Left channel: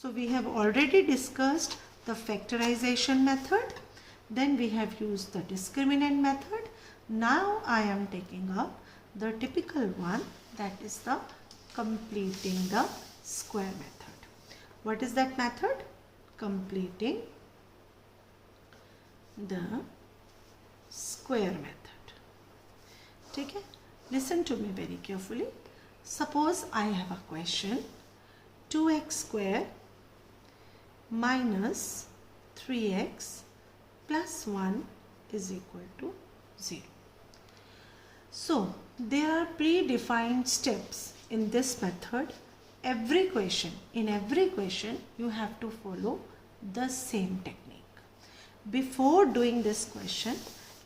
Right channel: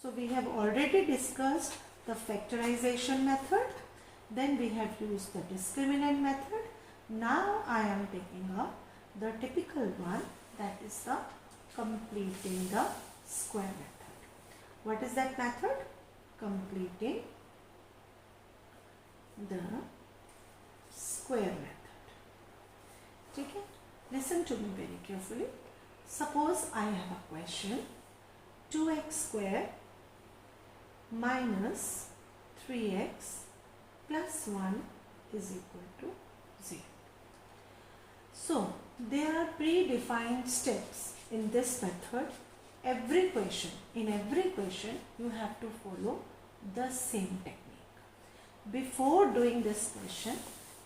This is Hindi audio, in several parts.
So we have already discussed the factorization method. Then we have used the discriminant method. Now I am taking up the typical one, that is the completing the square method. What is that method? Completing the square method. Okay? Listen to me very carefully. Suppose I have a question, 2x square minus 3x plus 1 is equal to 0. So there are predefined steps in this method. In every question you have to follow the same technique. Before doing this question,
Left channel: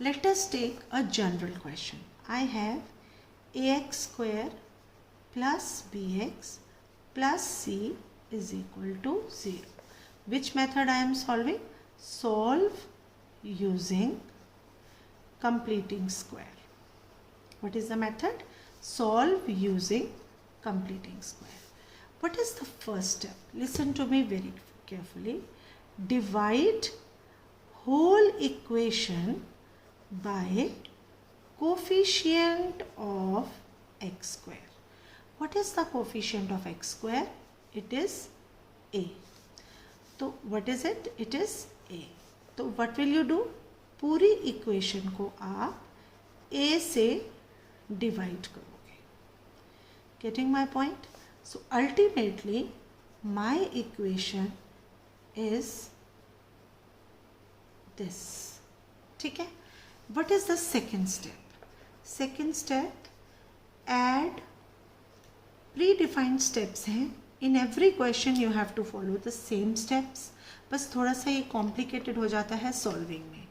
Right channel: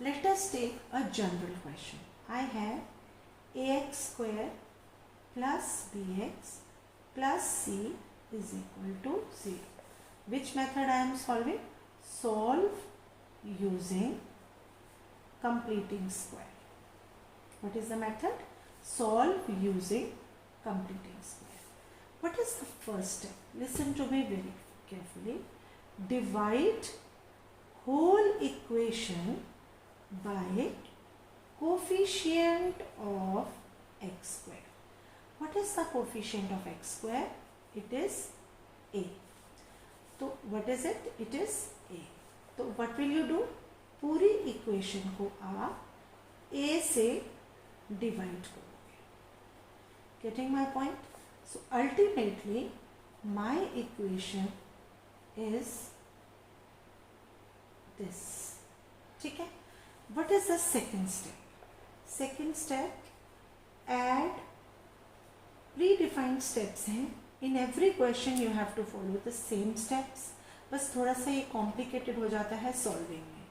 let us take a general question. I have ax square plus bx plus c is equal to 0. Which method I am solving? Solve using completing square. What is the method? Solve using completing square. What is the first step? Listen to me very carefully. Divide whole equation by coefficient of x square. What is the coefficient of x square? It is a. So what is it? It is a. So what will you do? पूरी equation को आप a से divide करोगे. Getting my point? So ultimately my equation is this. ठीक है? What is the second step? Second step, add predefined steps हैं. In every question you have to follow the same steps. बस थोड़ा सा ये complicated हो जाता है solving में.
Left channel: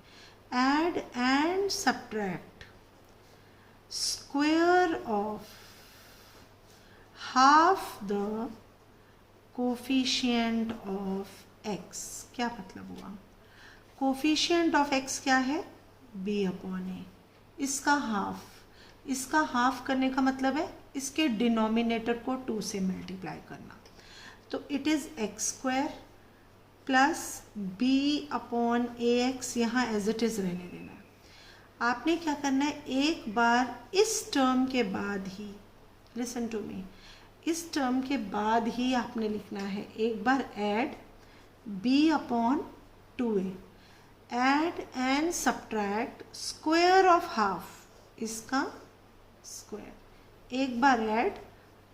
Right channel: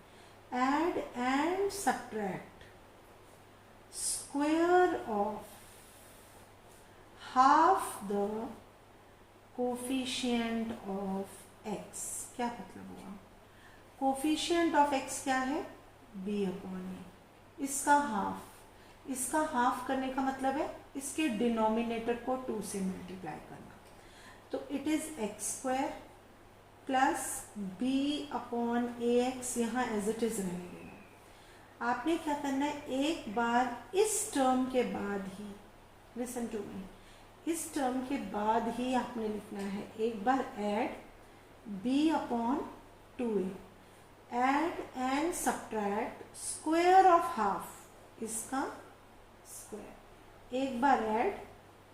Add and subtract square of half the coefficient of x. क्या मतलब हुआ? Coefficient of x क्या है? b upon a. इसका हाफ करने का मतलब है इसके डिनोमिनेटर को 2 से मल्टीप्लाई करना. तो it is x square plus b upon a x, यहाँ एज इट इज रहने देना. आपने क्या करना है, एक बार इस टर्म के बाद ही, लिसन टू मी, इस टर्म के बाद ही आपने लिखना है एक बार add b upon 2a. Add and subtract square of half, इसका स्क्वायर. एक बार ऐड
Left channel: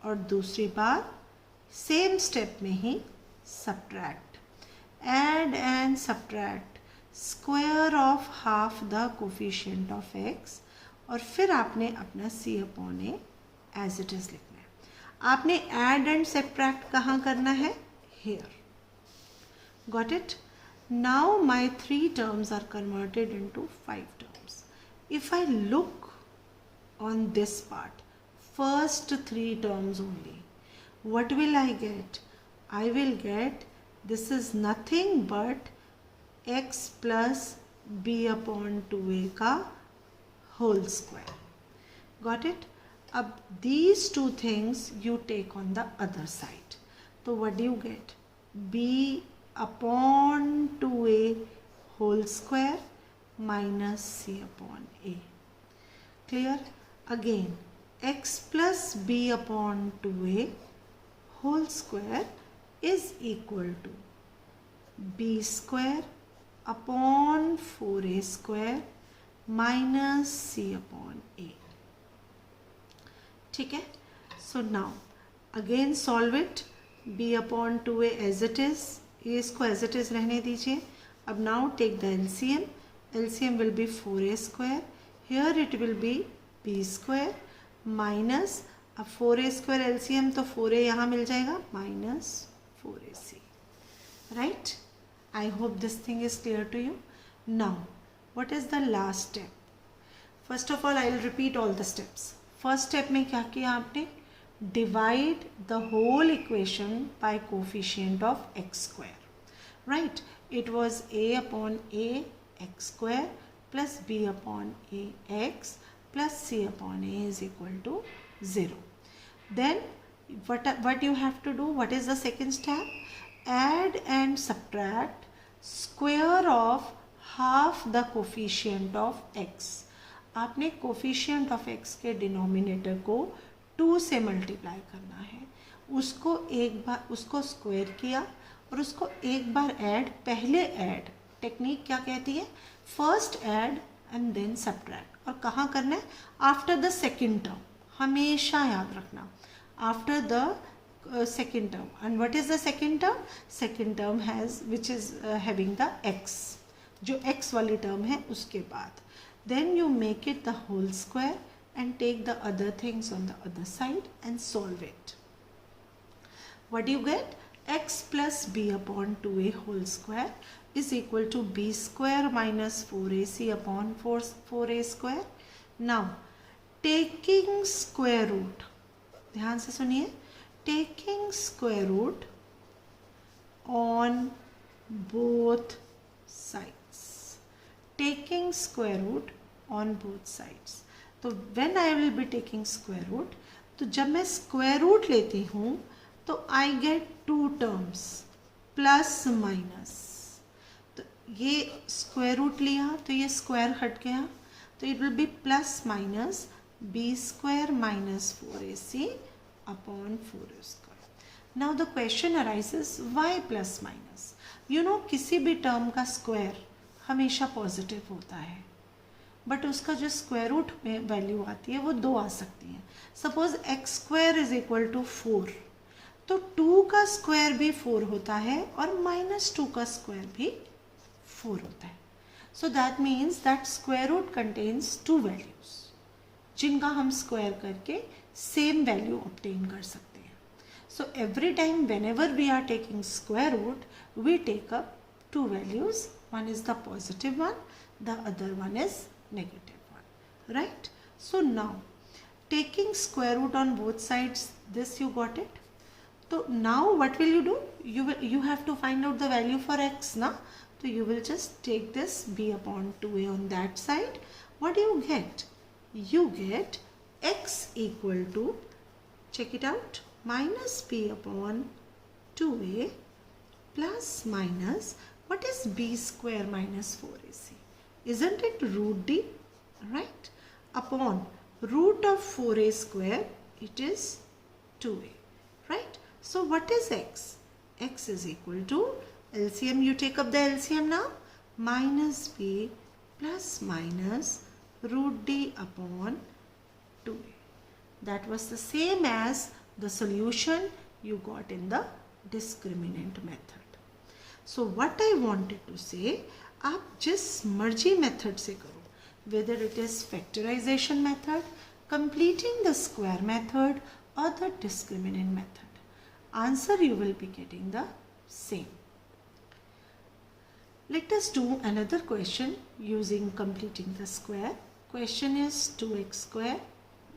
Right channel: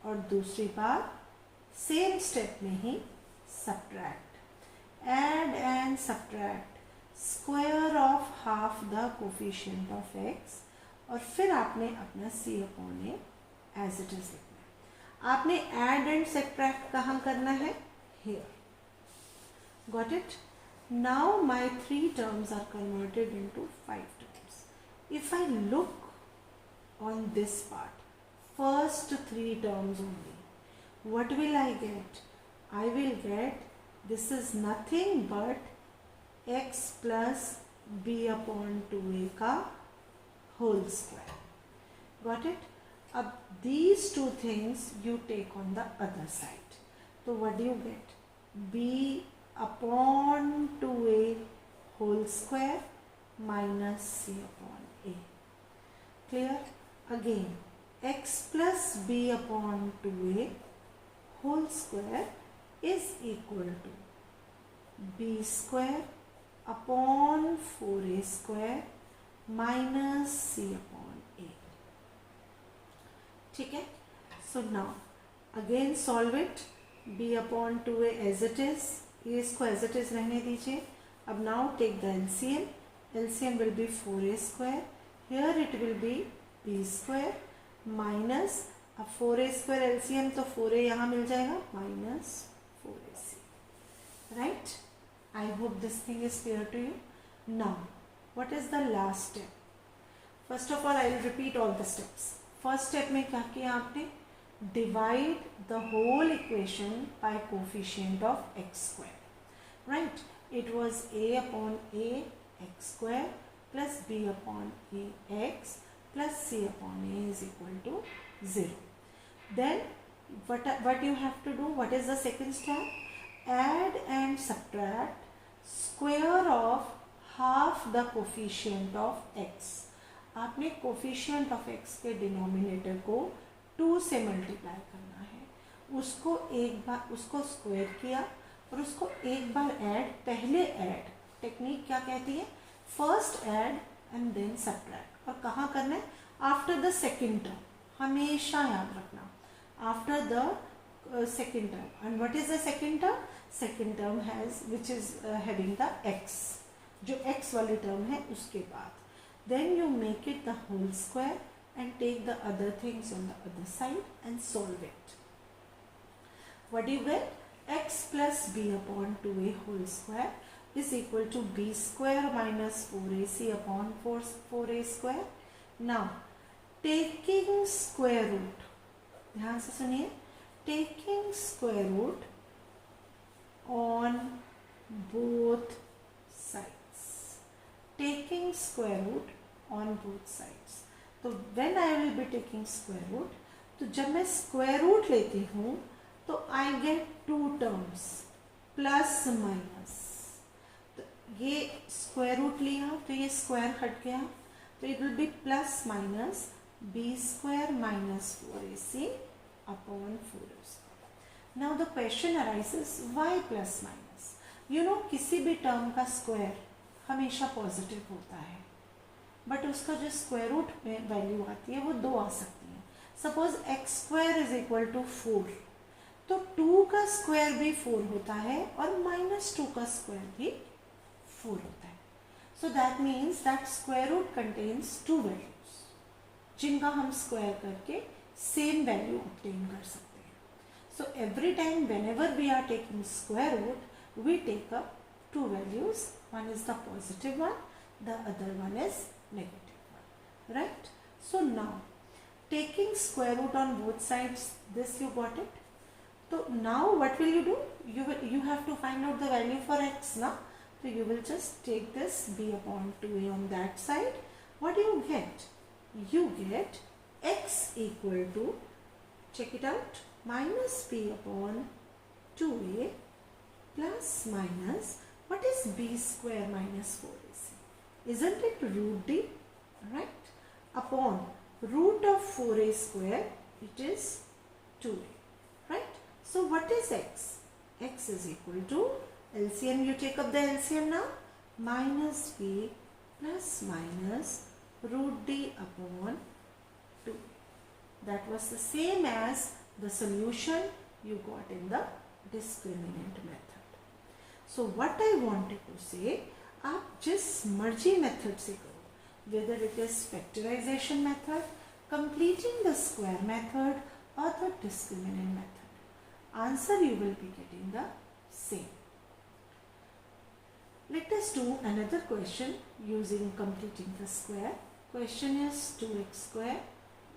और दूसरी बार सेम स्टेप में ही subtract. Add and subtract square of half the coefficient of x, और फिर आपने अपना c upon a as it is लिखना है. आपने ऐड एंड सब्ट्रैक्ट कहाँ करना है? Here. Got it? Now my 3 terms are converted into 5 terms. If I look on this part, first 3 terms only, what will I get? I will get, this is nothing but x plus b upon 2a का whole square. Got it? अब these 2 things you take on the other side. So what do you get? b upon 2a whole square minus c upon a. Clear? Again, x plus b upon 2a whole square is equal to b square upon 4a square minus c upon a. ठीक है? So now again solve it. b upon 2a as it is. ये इसको एज इट इज रहने दीजिए. अब now take the LCM. LCM will be 4a square. Here it will be b square minus, अब 4a स्क्वायर एलसीएम तो 4a यहाँ मिल जाएगा minus 4ac. Right? I hope this thing is clear to you. Now what is the last step? First of all I will repeat all the steps. First step में क्या किया आपने? Divide the whole equation by coefficient of x square. Right? It was a upon a x square plus b upon a x plus c upon a is equal to 0. Then what you have to do? What is the second step? add and subtract square of half the coefficient of x. आपने कोफिशिएंट ऑफ x के डिनोमिनेटर को 2 से मल्टीप्लाई करना है, उसको एक बार उसको स्क्वायर किया और उसको एक बार ऐड, पहले ऐड टेक्निक क्या कहती है, first add and then subtract, और कहाँ करना है, आफ्टर द सेकेंड टर्म, हमेशा याद रखना after the second term. And what is the second term? Second term has which is having the x, जो x वाली term है उसके बाद. Then you make it the whole square and take the other things on the other side and solve it. What do you get? X plus b upon 2a whole square is equal to b square minus 4ac upon 4a square. Now taking square root, ध्यान से सुनिए, taking square root on both sides, taking square root on both sides. तो when I will be taking square root, तो जब मैं square root लेती हूँ तो I get 2 terms plus minus. तो ये square root लिया तो ये square हट गया, तो it will be plus minus b square minus 4ac upon 4a square. Now the question arises, why plus minus? You know किसी भी term का square हमेशा पॉजिटिव होता है, बट उसका जो स्क्वायर रूट में वैल्यू आती है वो 2 आ सकती है. Suppose x square is equal to 4, तो 2 का स्क्वायर भी 4 होता है और -2 का स्क्वायर भी 4 होता है. So that means that square root contains 2 values जिनका हम स्क्वायर करके सेम वैल्यू ऑब्टेन कर सकते हैं. So every time whenever we are taking square root we take up 2 values. One is the positive one, the other one is negative one, right? So now taking square root on both sides, this you got it. So now what will you do? You have to find out the value for x na. So you will just take this b upon 2a on that side. What do you get? You get x equal to, check it out, minus b upon 2a plus minus, what is b square minus 4ac? Isn't it root d, right? Upon root of 4a square, it is 2a, right? So what is x? X is equal to, LCM, you take up the LCM now, minus b plus minus root d upon 2a. That was the same as the solution you got in the discriminant method. So what I wanted to say, आप जिस मर्जी मेथड से करो, whether it is factorization method, completing the square method or the discriminant method, answer you will be getting the same. Let us do another question using completing the square. Question is 2x square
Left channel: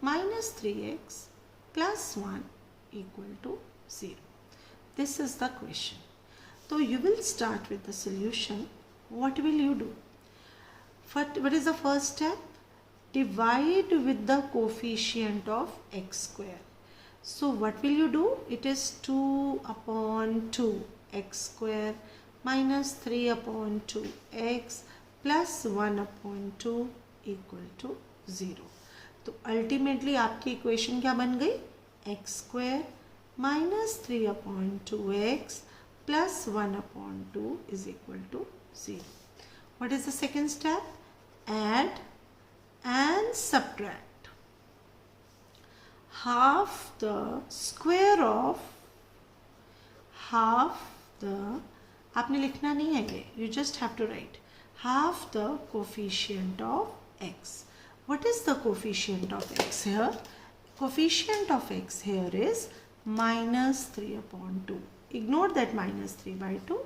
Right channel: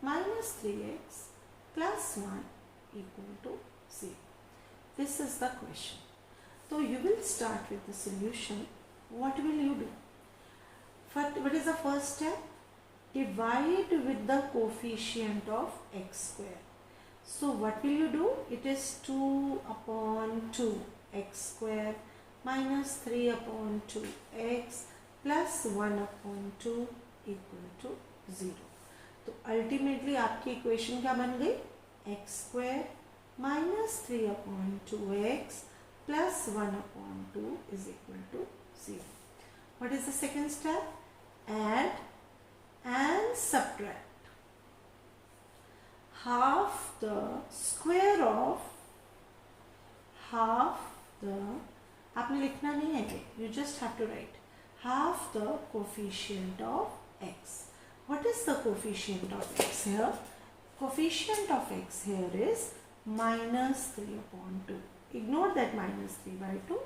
minus 3x plus 1 equal to 0. This is the question. So you will start with the solution. What will you do? What is the first step? Divide with the coefficient of x square. So what will you do? It is 2 upon 2 x square minus 3 upon 2 x plus 1 upon 2 equal to 0. तो ultimately आपकी equation क्या बन गई? x square minus 3 upon 2x plus 1 upon 2 is equal to 0. What is the second step? Add and subtract half the square of half the, आपने लिखना नहीं है ये, you just have to write half the coefficient of x. What is the coefficient of x here? Coefficient of x here is minus 3 upon 2. Ignore that minus 3 by 2,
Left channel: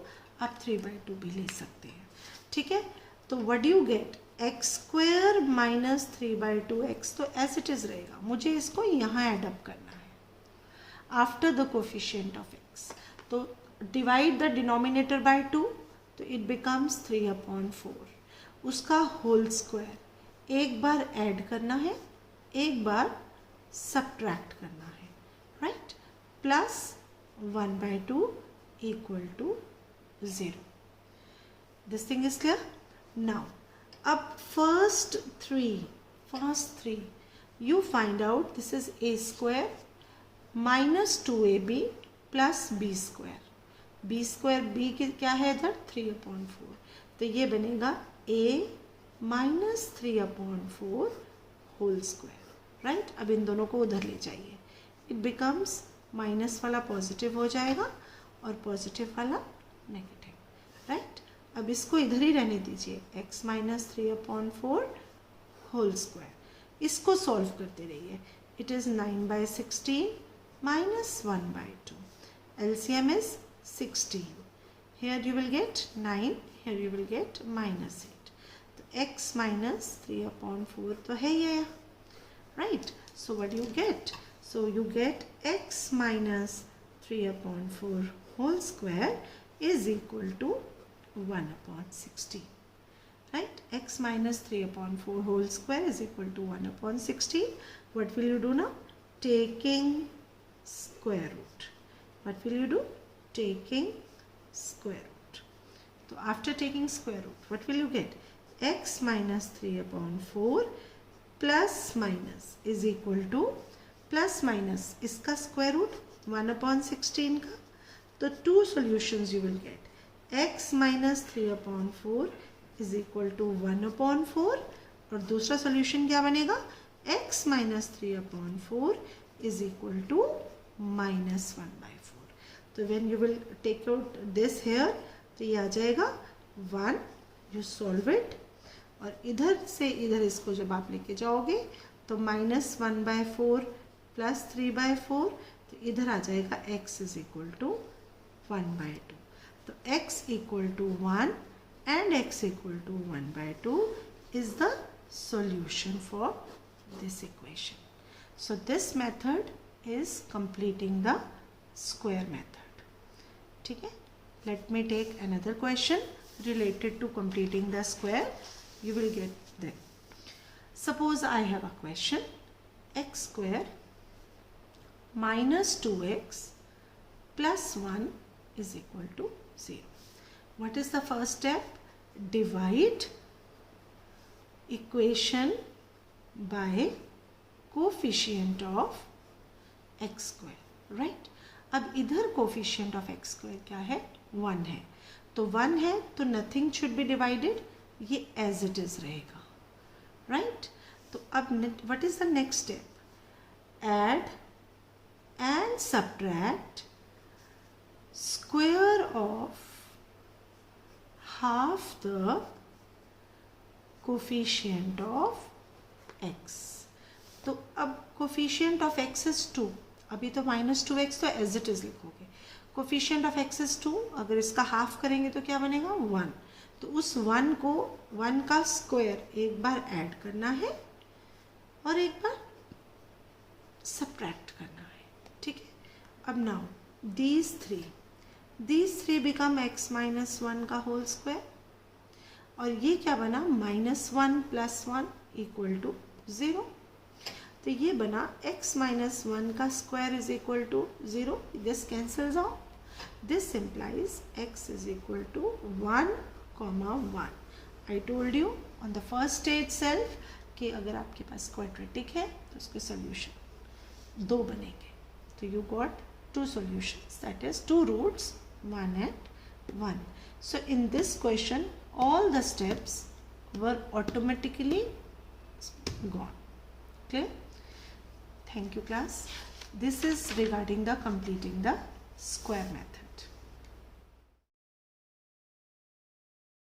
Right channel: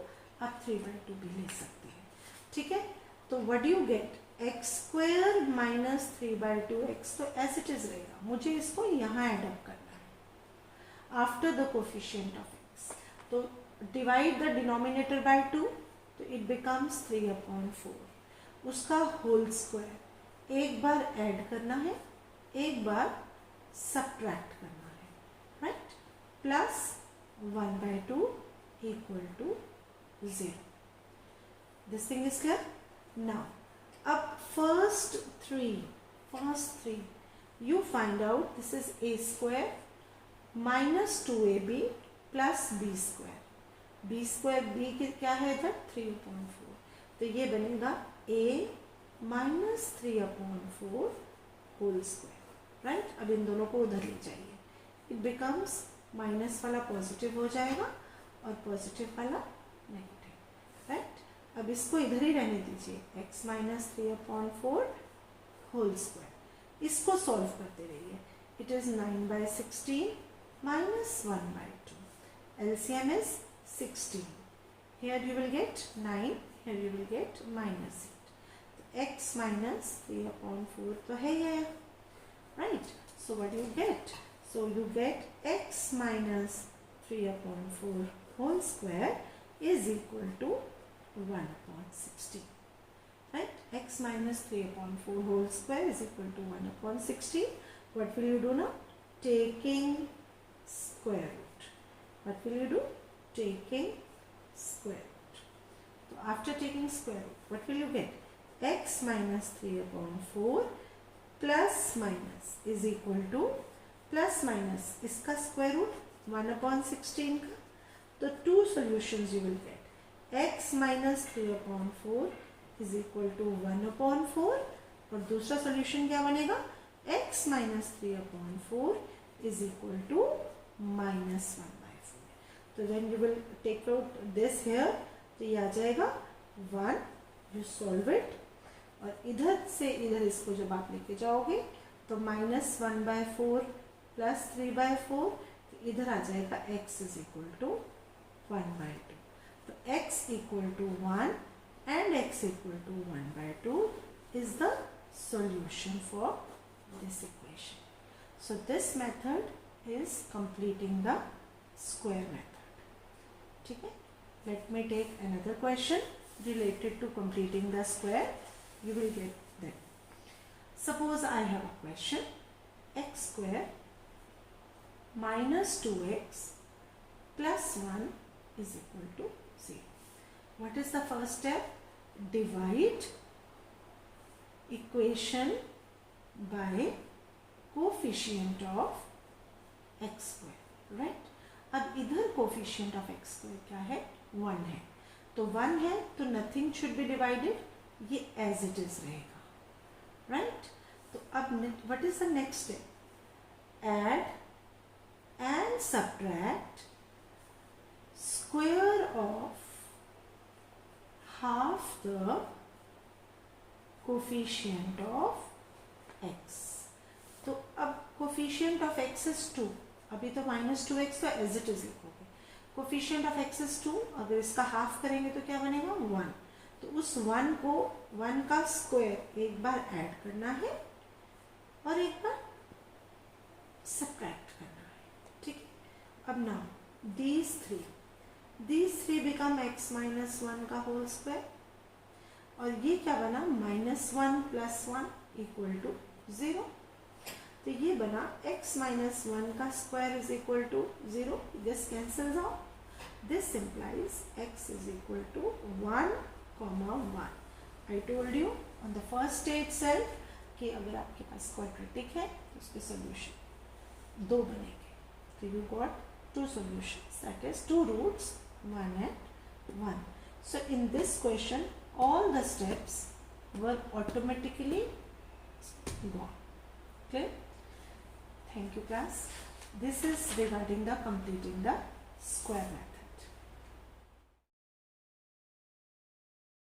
आप 3 by 2 भी ले सकते हैं, ठीक है. तो what do you get? x square minus 3 by 2x, तो as it is रहेगा, मुझे इसको यहाँ add up करना है after the coefficient of x. तो divide the denominator by 2, तो it becomes 3 upon 4. उसका whole square एक बार add करना है, एक बार subtract करना है, right? Plus 1 by 2 equal to 0. This thing is clear? Now, up first three, you find out this is a square minus 2ab plus b square. b square b की क्या है इधर 3/4, तो ये बनेगा a minus 3/4 whole square, right. अब इन दोनों को उधर ले जाइए, इट बिकम्स माइनस वाला पॉजिटिव हो जाएगा और पॉजिटिव वाला नेगेटिव, राइट. अब इसको इधर ही रहने दीजिए, x minus 3/4 होल स्क्वायर. इसको सॉल्व करते रहिए. It is 9/16 minus 1/2. LCM is 16. Here you will get 9, here you will get -8. तो x minus 3/4 तो है ये, right. So what do you get? So you get x minus 3/4 whole square is equal to 1/16. Right? X minus 3/4 whole square is equal to 1/16. What will you do now? Taking square root. What will you do? Taking square root. So after taking square root, what will you get? X minus 3/4 plus minus is equal to, plus minus इसका square root 1/16 का, तो two solutions you will get. X minus 3/4 is equal to 1/4 और दूसरा solution क्या बनेगा? X minus 3/4 is equal to minus 1/4. तो when you will take out this here, तो ये आ जाएगा 1, you solve it, और इधर से इधर इसको जब आप लेके जाओगे तो minus 1/4 plus 3/4, तो इधर आ जाएगा x is equal to 1/2. तो x equal to 1 and x equal to 1/2 is the solution for this equation. So this method is completing the square method. ठीक है? Let me take another question related to completing the square. You will get them. Suppose I have a question, x square minus 2x plus 1 is equal to 0. What is the first step? Divide equation by coefficient of x square, right? अब इधर coefficient of x square क्या है? 1 है, तो 1 है तो nothing should be divided, ये as it is रहेगा, right? तो अब what is the next step? Add and subtract square of half the coefficient of x. तो अब coefficient of x is 2, अभी तो minus 2x तो as it is लिखोगे. coefficient of x is 2, अगर इसका हाफ करेंगे तो क्या बनेगा? 1. तो उस 1 को 1 का स्क्वायर एक बार ऐड करना है और एक बार सब्ट्रैक्ट करना है, ठीक है? अब now these three become x minus 1 का होल स्क्वायर, और ये क्या बना? -1 plus 1 equal to 0. तो ये बना x minus 1 का square is equal to 0. This cancels out. This implies x is equal to 1, 1. I told you on the first stage itself कि अगर आपके पास क्वाड्रेटिक है तो उसके सॉल्यूशन 2 बनेंगे. तो you got 2 solutions, that is 2 roots, 1 and 1. So in this question all the steps were automatically gone. Clear? Thank you class. This is regarding the completing the square method.